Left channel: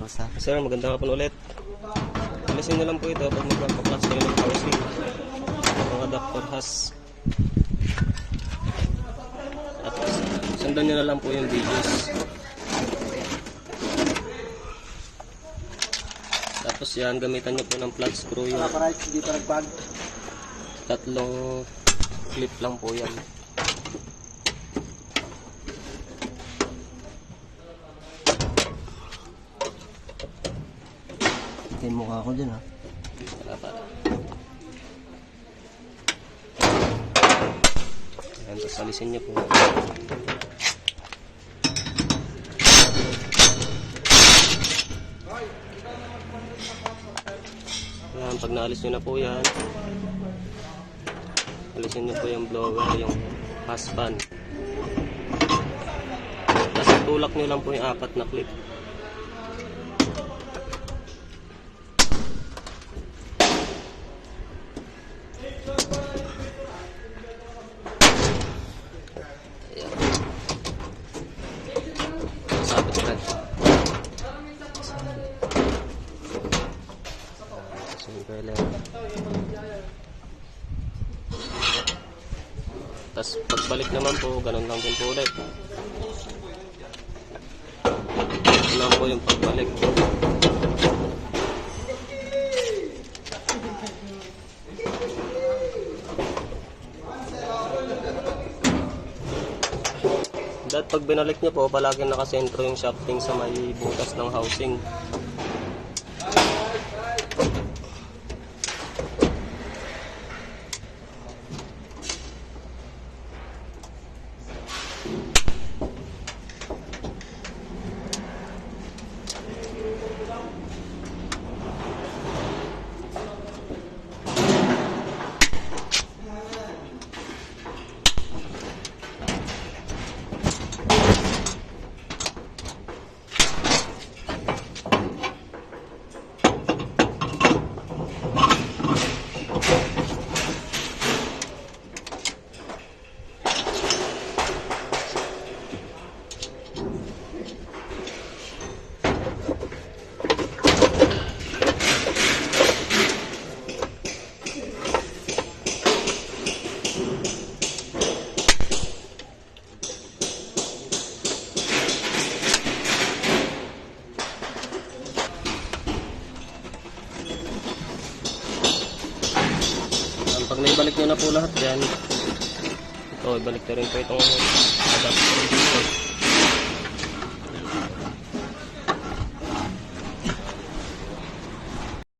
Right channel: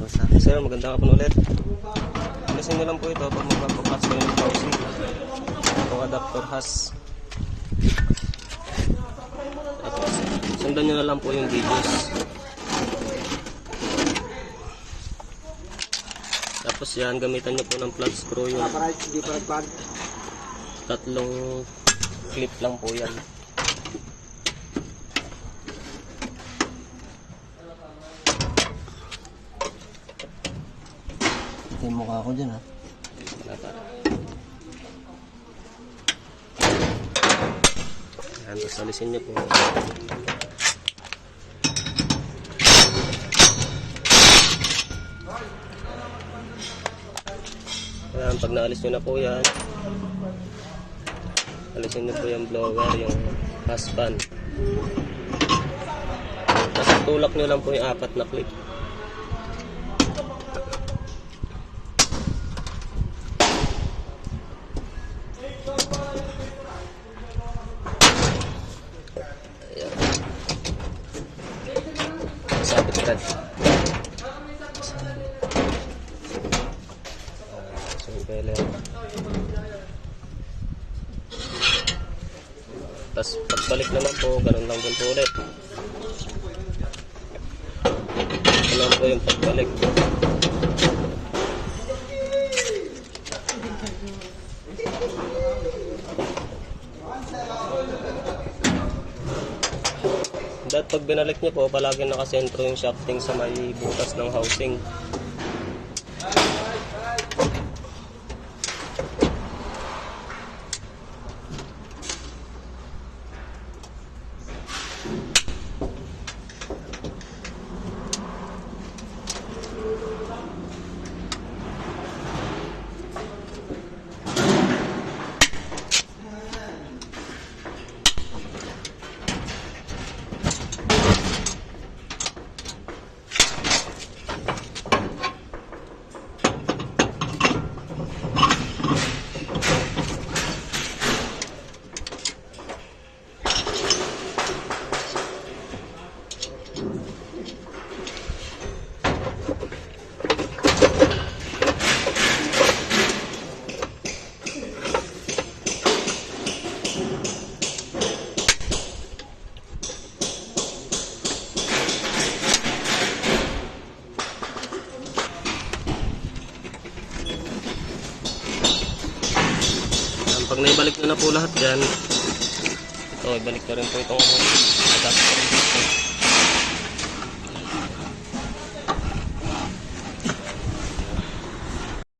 Sir, magandang hapon ulit. Alisin nyo lang po ito pag magpapaklas kayo ng housing. Itong adapter has. At sundan nyo na lang po yung BGs. Tapos yan, gamitan nyo po ng flat screw yung tatlong clip lang po yan. Yung mukha ko dyan ha. Wala para. Ayan, tapos alisin nyo po. Ayan, pag naalis nyo na po yan, alisin nyo po yung blower, yung husband. Tapos tulak nyo lang po yung 4 na clip. Ayan. Sabit ka. Tapos pagbalik naman po, ganun lang din po ulit. Ito lang po yung pagbalik. Dahil pag binalik nyo po, palagi nakasentro yung shafting sa may butas ng housing. Pag naibalik nyo na po lahat dyan, ito, ibalik ko rin po itong adapter dito.